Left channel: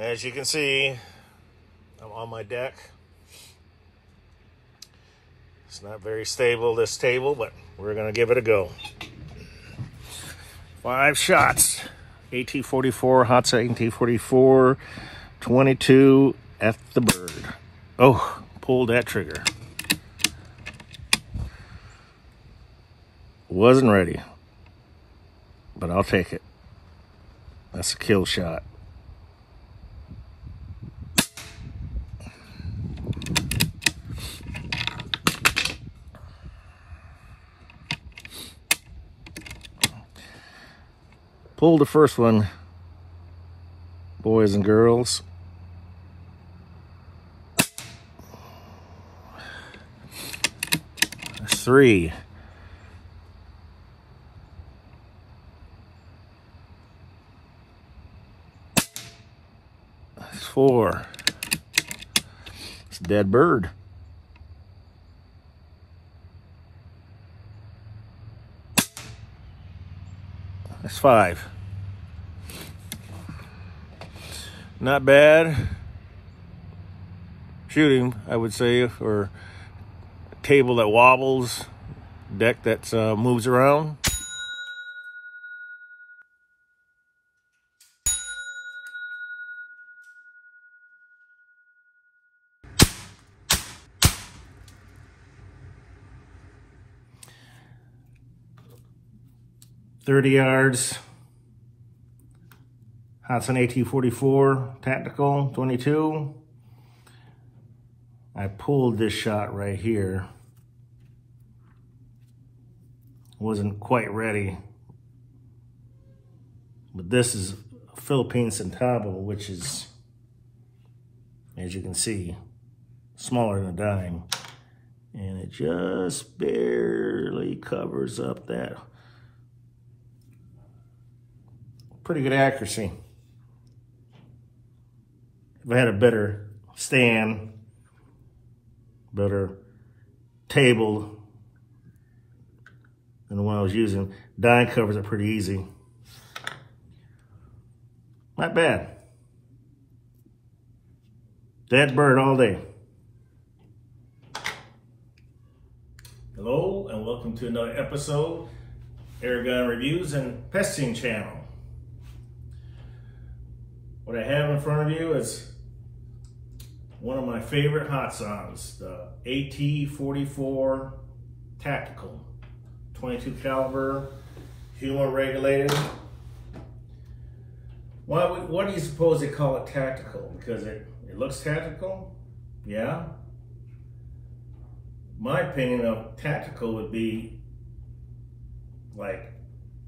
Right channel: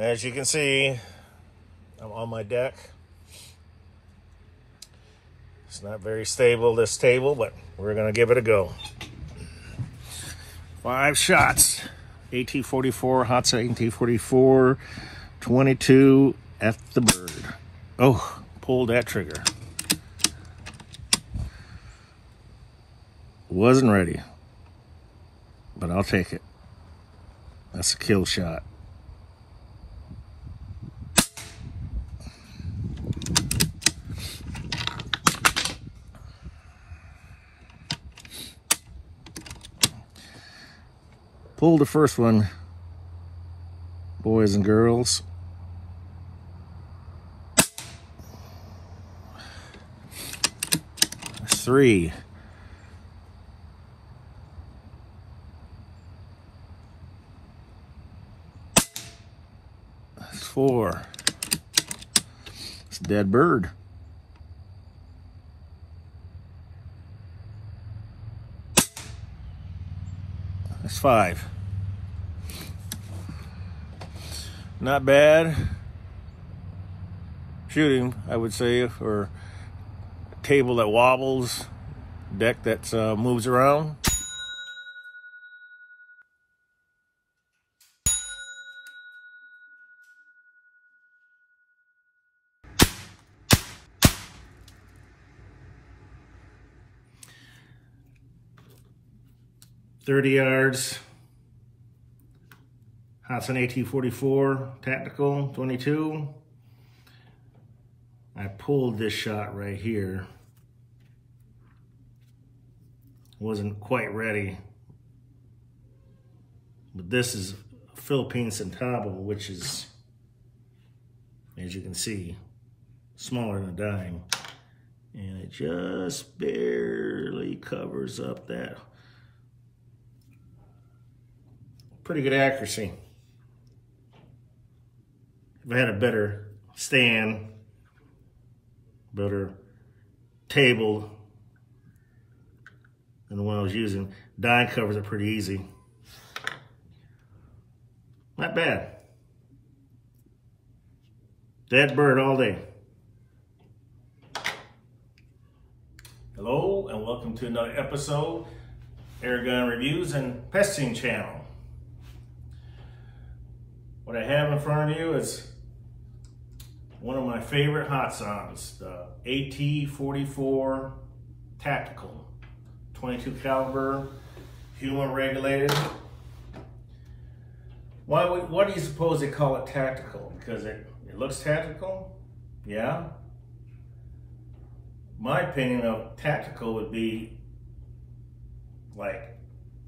As you can see, I'm on my deck. It's not very stable, this table, but we're gonna give it a go. 5 shots. AT44, Hatsan AT44, 22 F the bird. Oh, pulled that trigger. Wasn't ready, but I'll take it. That's a kill shot. Pulled the first one, boys and girls. That's 3. That's 4. It's a dead bird. That's 5. Not bad shooting, I would say, for a table that wobbles, deck that moves around. .30 yards. Hatsan AT44 Tactical 22. I pulled this shot right here. Wasn't quite ready. But this is a Philippine centavo, which is, as you can see, smaller than a dime. And it just barely covers up that. Pretty good accuracy. If I had a better stand, better table than the one I was using, dime covers it pretty easy. Not bad. Dead bird all day. Hello and welcome to another episode, Airgun Reviews and Pesting Channel. What I have in front of you is one of my favorite Hatsans, the AT44 Tactical, 22 caliber, human regulated. What do you suppose they call it tactical? Because it looks tactical? Yeah. My opinion of tactical would be like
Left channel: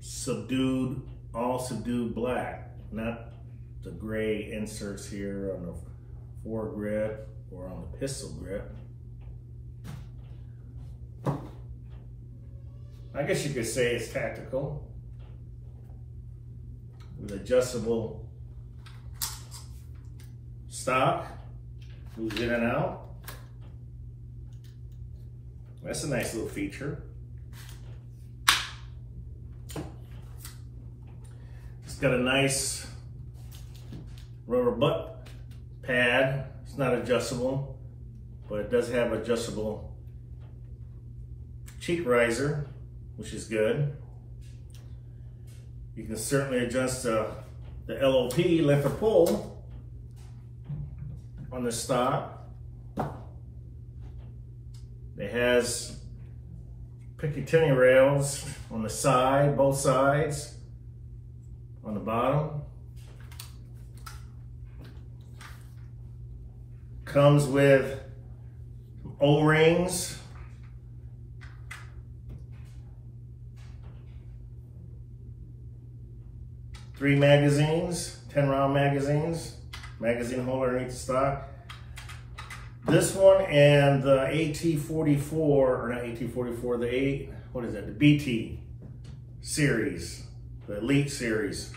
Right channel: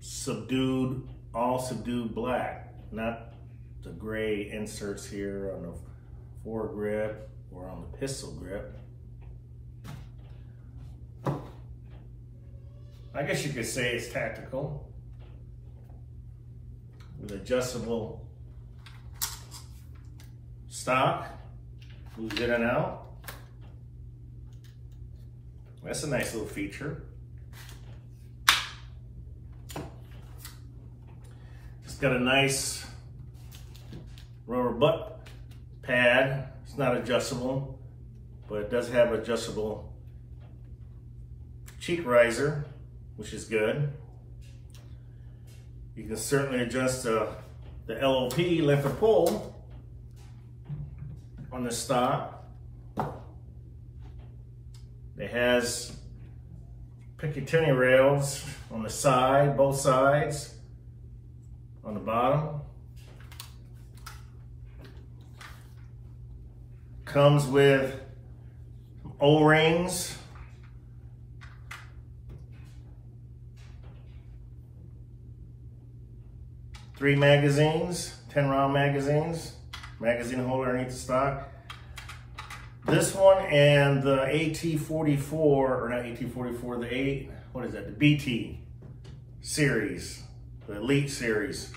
subdued, all subdued black, not the gray inserts here on the foregrip or on the pistol grip. I guess you could say it's tactical with adjustable stock, moves in and out. That's a nice little feature. It's got a nice rubber butt pad. It's not adjustable, but it does have adjustable cheek riser, which is good. You can certainly adjust the LOP, length of pull, on the stock. It has Picatinny rails on the side, both sides, on the bottom. Comes with O-rings, three magazines, 10-round magazines, magazine holder underneath the stock. This one and the AT44, or not AT44, the BT series, the Elite series,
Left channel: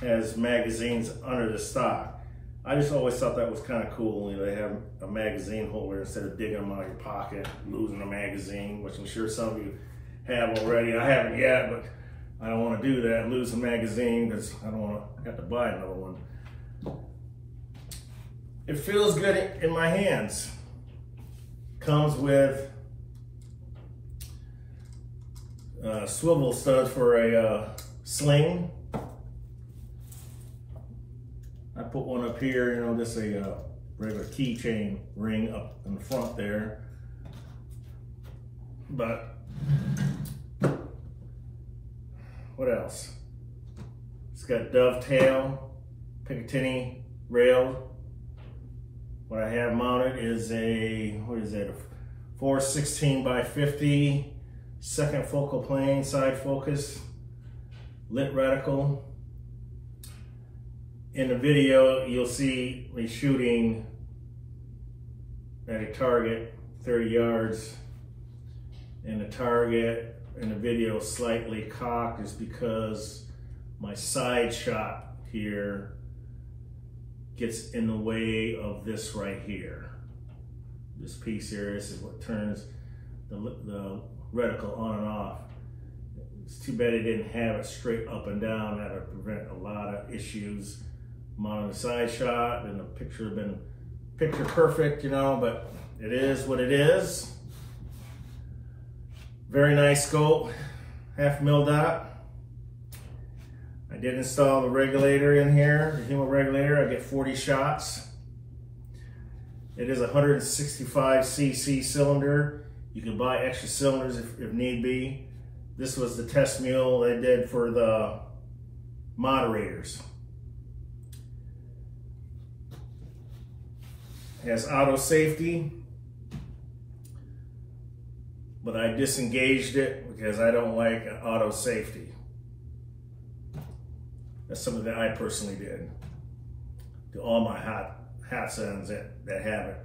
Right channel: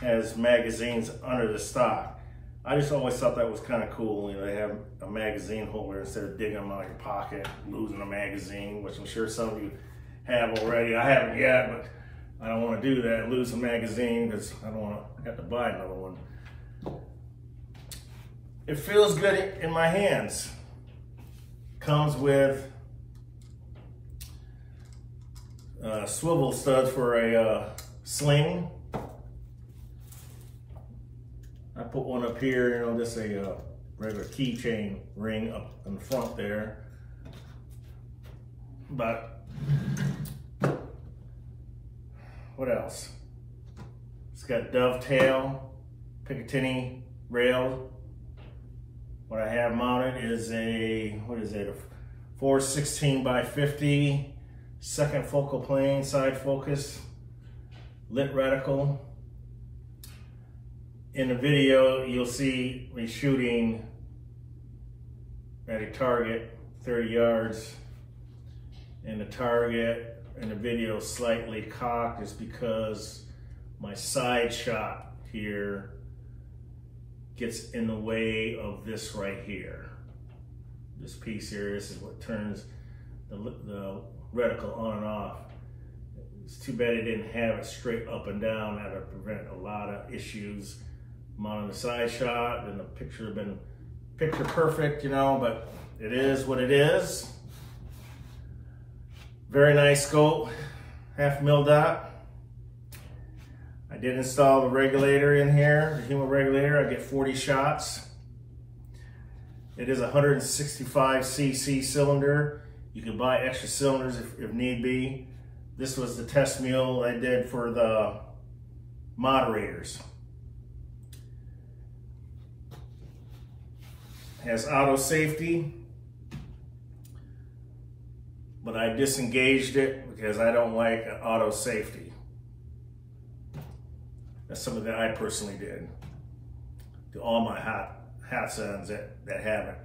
has magazines under the stock. I just always thought that was kind of cool. You know, they have a magazine holder instead of digging them out of your pocket, losing a magazine, which I'm sure some of you have already. I haven't yet, but I don't want to do that, lose a magazine, because I don't want to have to buy another one. It feels good in my hands. Comes with swivel studs for a sling. I put one up here, you know, just a regular keychain ring up in the front there. But what else? It's got dovetail, Picatinny rail. What I have mounted is a, what is it, a 416 by 50 second focal plane, side focus, lit reticle. In the video, you'll see me shooting at a target 30 yards, and the target in the video slightly cocked is because my side shot here gets in the way of this right here. This piece here, this is what turns the reticle on and off. It's too bad it didn't have it straight up and down. That would prevent a lot of issues. Mounting the side shot, and the picture have been picture perfect, you know, but it is what it is. Very nice scope, 1/2 mil dot. I did install the regulator in here, the humo regulator. I get 40 shots. It is a 165cc cylinder. You can buy extra cylinders if need be. This was the test mule I did for the moderators. It has auto safety, but I disengaged it because I don't like auto safety. That's something that I personally did to all my Hatsans that have it.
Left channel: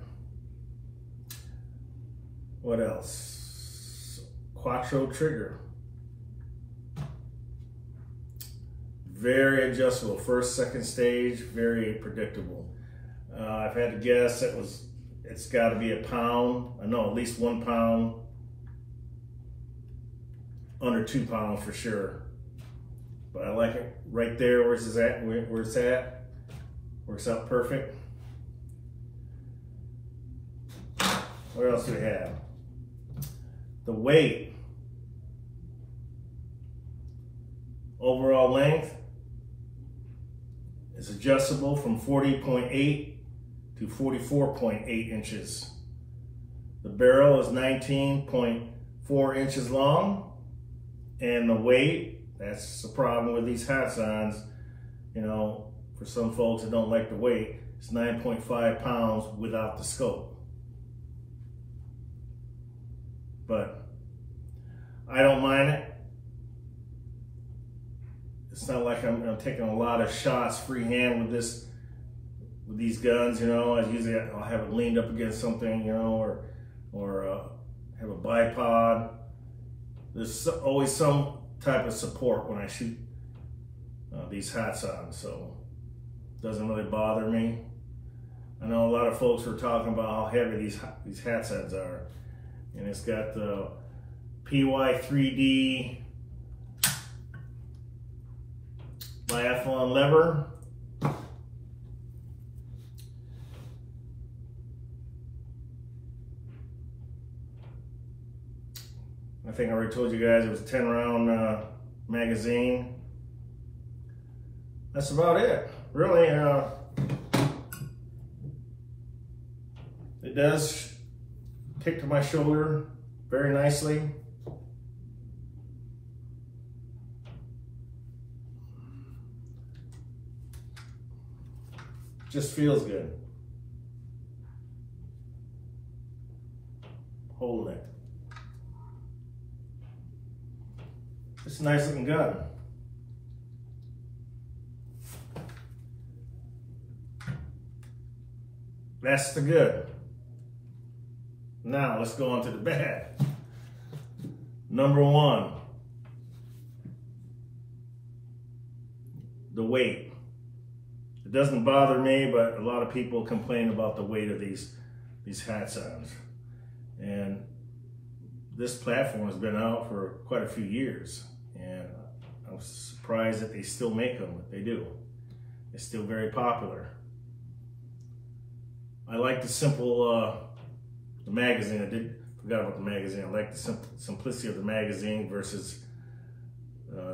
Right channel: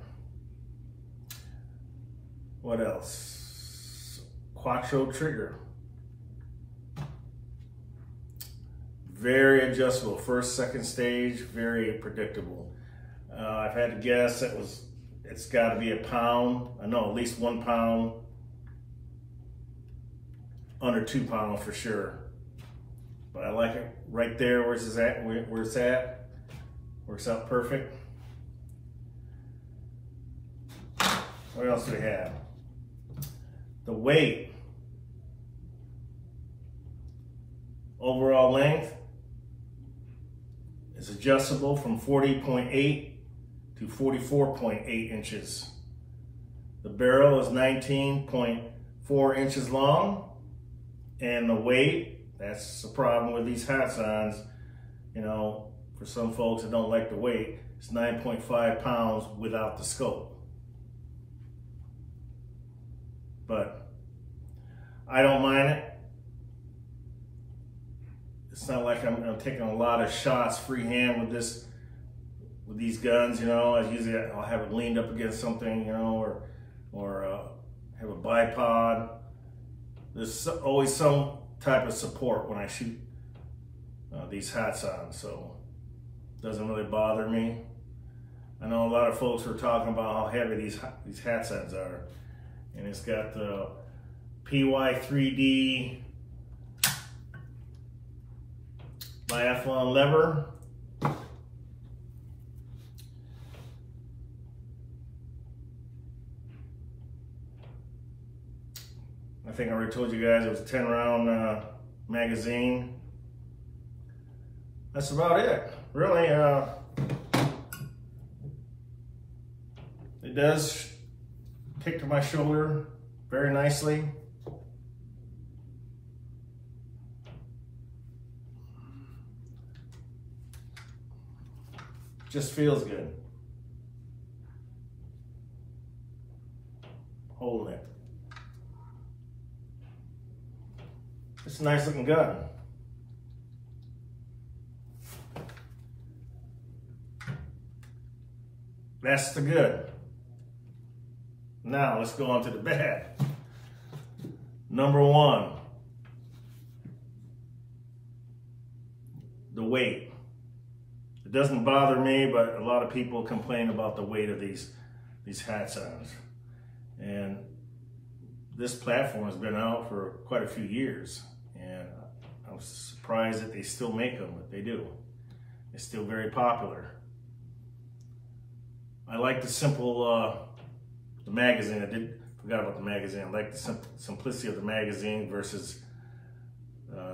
What else? Quattro trigger. Very adjustable, first, second stage, very predictable. I've had to guess it's got to be a pound. I know at least 1 pound, under 2 pounds for sure. But I like it right there where it's at. Works out perfect. What else do we have? The weight. Overall length is adjustable from 40.8 to 44.8 inches. The barrel is 19.4 inches long, and the weight, that's the problem with these Hatsans, you know, for some folks that don't like the weight, it's 9.5 pounds without the scope. But I don't mind it. It's not like I'm taking a lot of shots freehand with these guns, you know. I'll have it leaned up against something, you know, or have a bipod. There's always some type of support when I shoot these Hatsans, so it doesn't really bother me. I know a lot of folks are talking about how heavy these Hatsans are, and it's got the PY3D biathlon lever. I think I already told you guys it was a 10-round magazine. That's about it, really. It does kick to my shoulder very nicely. Just feels good. Holding it. It's a nice looking gun. That's the good. Now let's go on to the bad. Number one, the weight. It doesn't bother me, but a lot of people complain about the weight of these Hatsans. And this platform has been out for quite a few years, and I'm surprised that they still make them, but they do. It's still very popular. I like the simple, the magazine. Forgot about the magazine. I like the simplicity of the magazine versus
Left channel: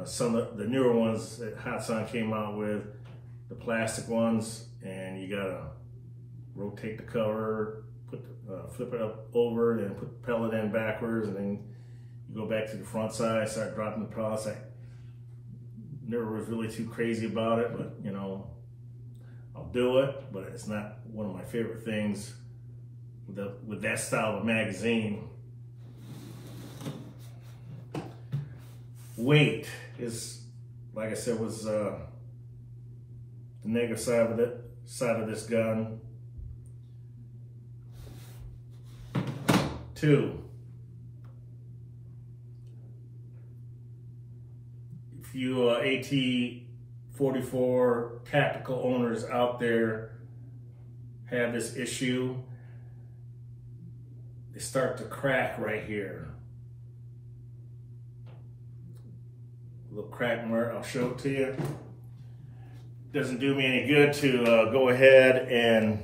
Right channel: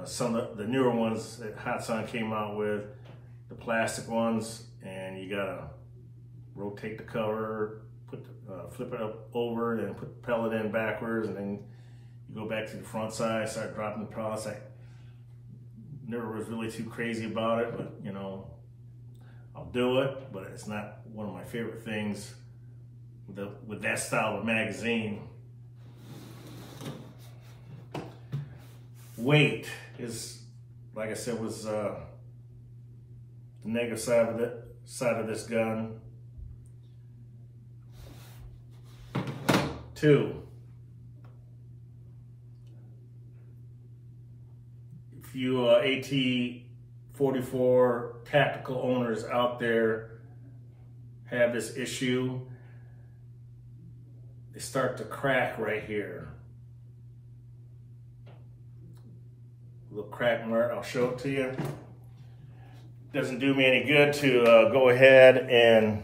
some of the newer ones that Hatsan came out with, the plastic ones, and you gotta rotate the cover, flip it up over, then put the pellet in backwards, and then you go back to the front side, start dropping the pellets. I never was really too crazy about it, but you know, I'll do it, but it's not one of my favorite things with that style of magazine. Weight is, like I said, was the negative side of this gun. 2, if you AT44 Tactical owners out there have this issue, they start to crack right here. A little crack mark, I'll show it to you. Doesn't do me any good to go ahead and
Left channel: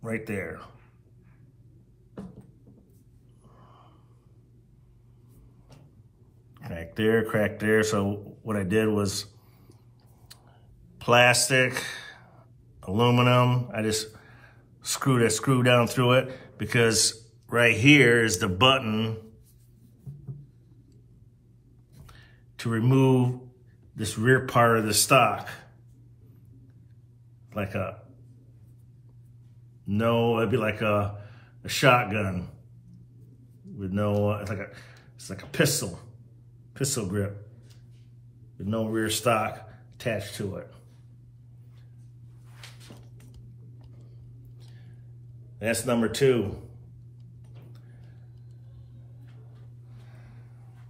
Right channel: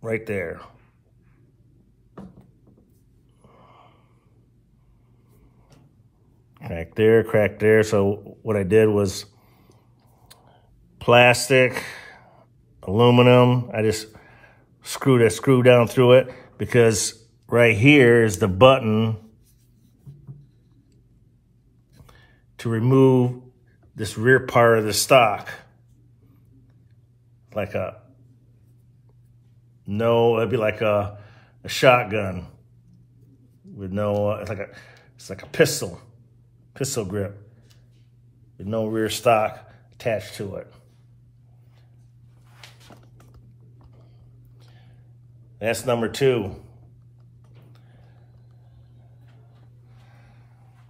right there. Crack there, crack there. So what I did was plastic, aluminum. I just screwed a screw down through it because right here is the button to remove this rear part of the stock. It'd be like a shotgun with no, it's like a pistol grip with no rear stock attached to it. That's number 2.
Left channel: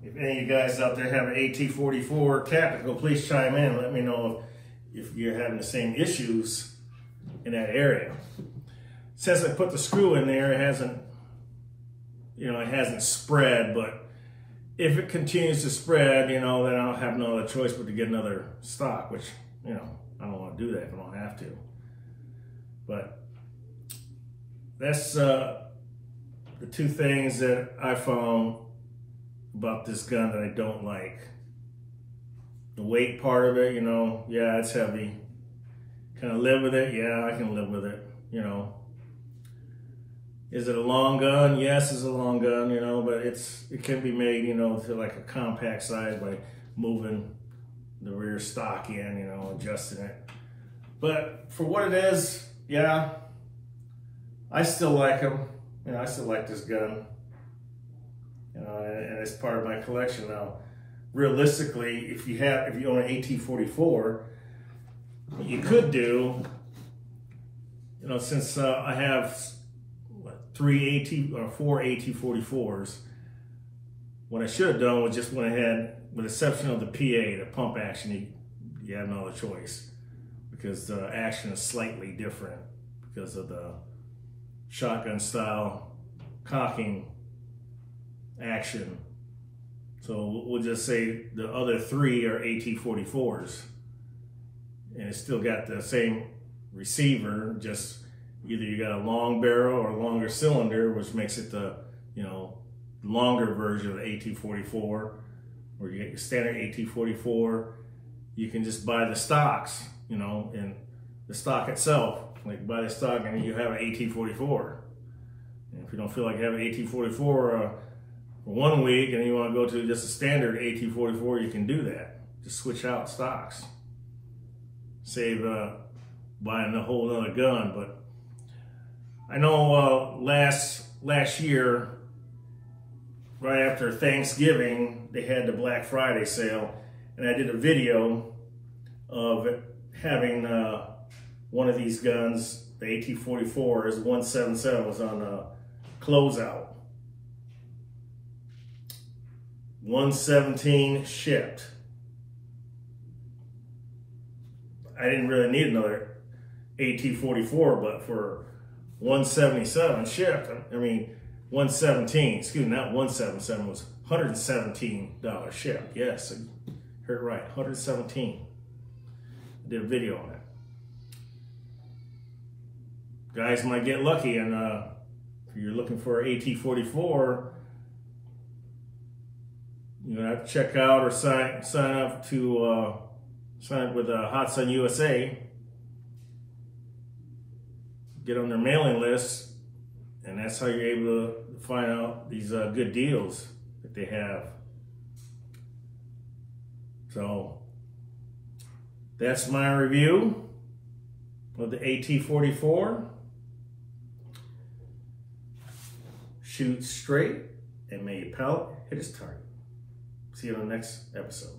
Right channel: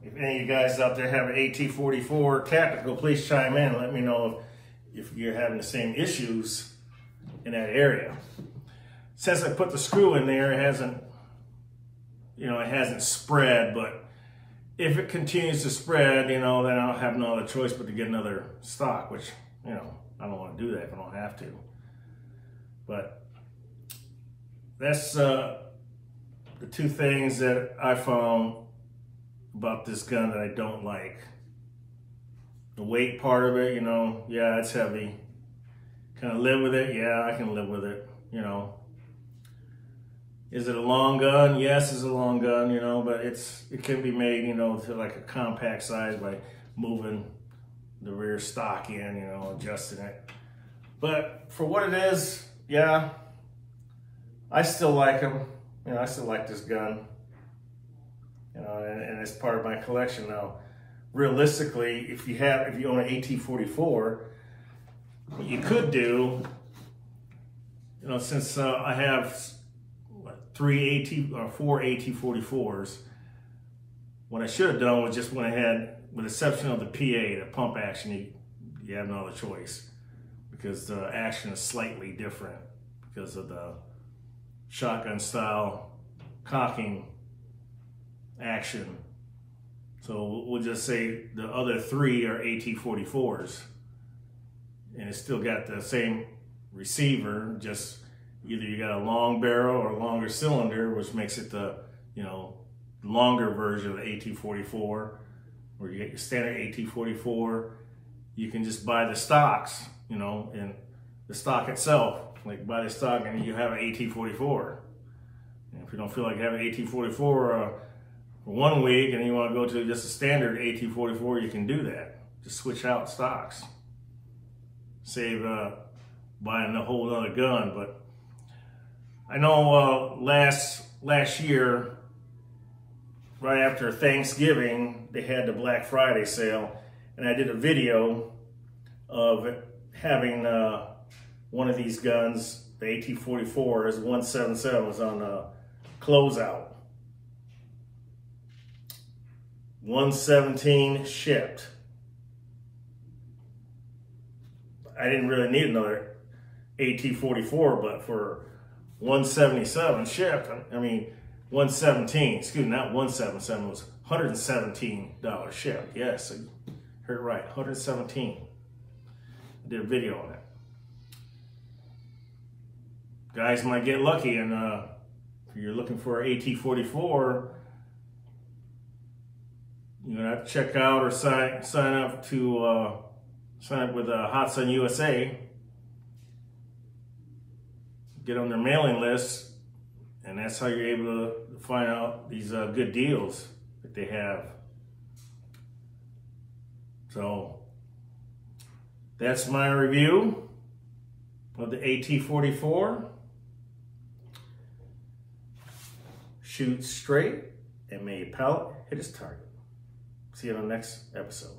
If any of you guys out there have an AT44 Tactical, please chime in. Let me know if you're having the same issues in that area. Since I put the screw in there, it hasn't spread, but if it continues to spread, then I'll have no other choice but to get another stock, which, I don't want to do that if I don't have to. But that's the 2 things that I found about this gun that I don't like. The weight part of it, yeah, it's heavy. Can I live with it? Yeah, I can live with it, Is it a long gun? Yes, it's a long gun, but it can be made, to like a compact size by moving the rear stock in, adjusting it. But for what it is, yeah, I still like them. I still like this gun. And it's part of my collection now. Realistically, if you own an AT44, what you could do, since I have 4 AT44s, what I should have done was just went ahead, with the exception of the PA, the pump action, you have no other choice because the action is slightly different because of the shotgun style cocking action. So we'll just say the other 3 are AT44s, and it's still got the same receiver, just either you got a long barrel or a longer cylinder, which makes it the longer version of the AT44, or you get your standard AT44. You can just buy the stocks, and the stock itself, like buy the stock and you have an AT44. And if you don't feel like having an AT44 for 1 week and you want to go to just a standard AT44, you can do that. Just switch out stocks. Save buying a whole nother gun. But I know last year, right after Thanksgiving, they had the Black Friday sale, and I did a video of having one of these guns, the AT44 is 177, was on a closeout. 117 shipped. I didn't really need another AT44, but for 177 shipped, 117, excuse me, not 177, it was $117 shipped. Yes, Heard it right, 117. I did a video on it. Guys might get lucky, and if you're looking for an AT44, you're gonna have to check out or sign up with Hatsan USA. Get on their mailing list, and that's how you're able to find out these good deals that they have. So that's my review of the AT44. Shoot straight and may your pellet hit its target. See you on the next episode.